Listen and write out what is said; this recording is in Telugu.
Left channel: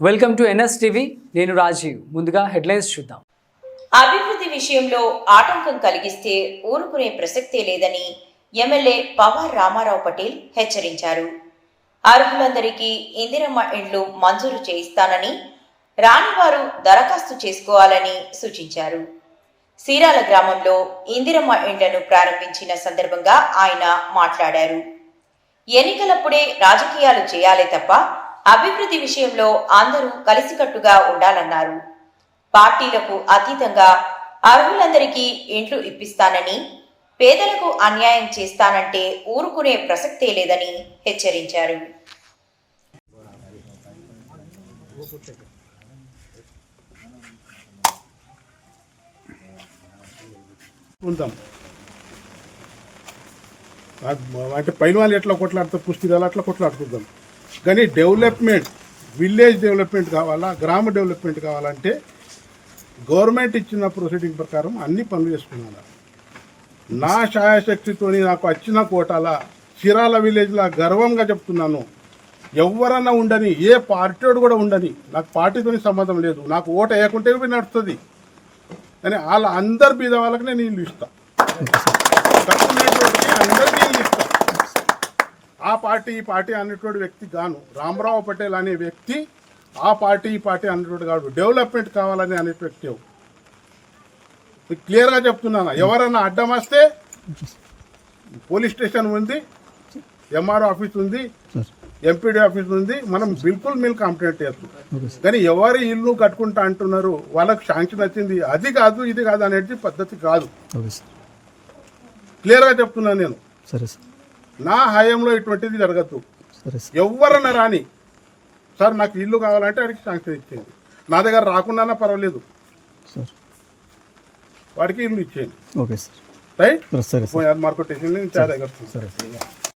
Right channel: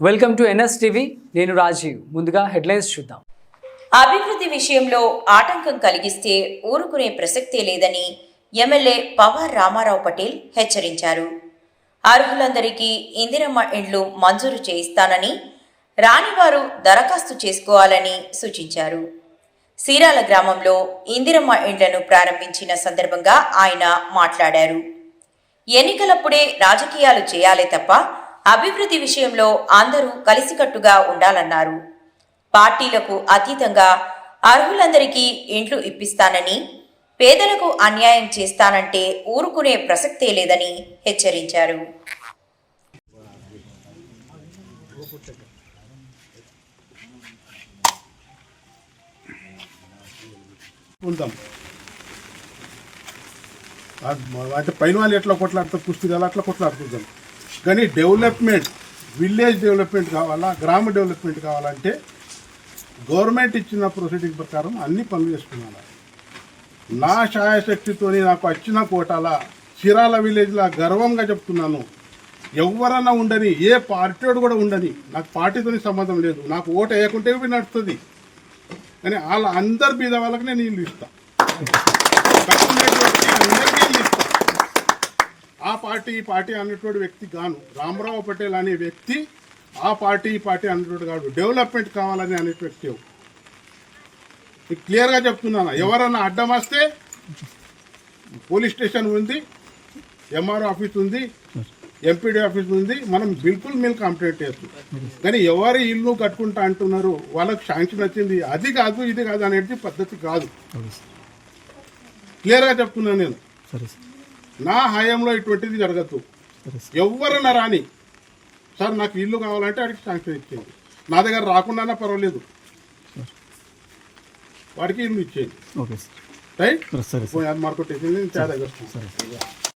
Welcome to NS TV. నేను రాజీవ్. ముందుగా హెడ్లైన్స్ చూద్దాం. అభివృద్ధి విషయంలో ఆటంకం కలిగిస్తే ఊరుకునే ప్రసక్తే లేదని ఎమ్మెల్యే పవార్ రామారావు పటేల్ హెచ్చరించారు. అర్హులందరికీ ఇందిరమ్మ ఇండ్లు మంజూరు చేయిస్తానని రానివారు దరఖాస్తు చేసుకోవాలని సూచించారు. సీరాల గ్రామంలో ఇందిరమ్మ ఇండ్లను ప్రారంభించిన సందర్భంగా ఆయన మాట్లాడారు. ఎన్నికలప్పుడే రాజకీయాలు చేయాలే తప్ప అభివృద్ధి విషయంలో అందరూ కలిసికట్టుగా ఉండాలన్నారు. పార్టీలకు అతీతంగా అర్హులందరికీ ఇండ్లు ఇప్పిస్తానని పేదలకు అన్యాయం చేస్తానంటే ఊరుకునే ప్రసక్తే లేదని హెచ్చరించారు. పైన వాళ్ళు ఎట్లా కొట్లాడుతారు పుస్తకాలు అట్లా కొట్లాడుకుంటాం కానీ డెవలప్మెంట్ విలేజ్ డెవలప్మెంట్ కావాలా గ్రామ డెవలప్మెంట్ కావాలంటే గవర్నమెంట్ ఇచ్చిన ప్రొసీడింగ్ ప్రకారం అన్ని పనులు చేసుకున్నాను. నా ఛాయాశక్తితో నాకు వచ్చిన కోటాల చిరాల విలేజ్లా గర్వంగా చెప్తున్నాను. ఎవరన్నా ఉండని ఏ పార్టీడు కూడా ఉండని నాకు పార్టీతో సంబంధం లేదు. నాకు ఓటు వేయకుంటే నడుస్తుంది? కానీ వాళ్ళ అందరి బీద వాళ్ళకి నేను ఇల్లు ఇస్తాను కట్టుకునేటువంటి అందరికీ ఇల్లు ఇస్తా ఆ పార్టీ ఈ పార్టీ అనేటువంటి వ్యక్తి గాను. రామరావు పటేల్ అనే వ్యక్తి ఆ పార్టీ ఈ పార్టీ అనేటువంటి కాదు. డెవలప్మెంట్ కావాలని అనే వ్యక్తి మీకు క్లియర్గా చెప్తున్నాను? ఎవరైనా అడ్డం వస్తే పోలీస్ స్టేషన్ ఉంది ఎంఆర్ఓ ఆఫీస్ ఉంది ఎంపీడీ ఆఫీస్ ఉంది మనం బిల్కుల్ మిల్ కంప్లైంట్ చేస్తాం. కానీ ఎవరు ఇల్లు కట్టుకుంటా అంటున్నారు? వాళ్ళకి శాంక్షన్ వచ్చింది. అది కాదు ఇది కాదు అనేది పద్ధతి కాదు. క్లియర్గా చెప్తున్నాను నేను. సార్. నా హయాంలో ఇటువంటిది జరగద్దు ఎవరన్నా రాని సార్ నాకు ఇల్లు కావాలంటే అడిగి శాంక్షన్ ఇచ్చేయండి. నా దగ్గర రాకుండా పర్వాలేదు. వాడికి ఇల్లు ఇచ్చేయండి. Okay sir. రైట్? మార్కెట్ వేసింది నేను చా దగ్గర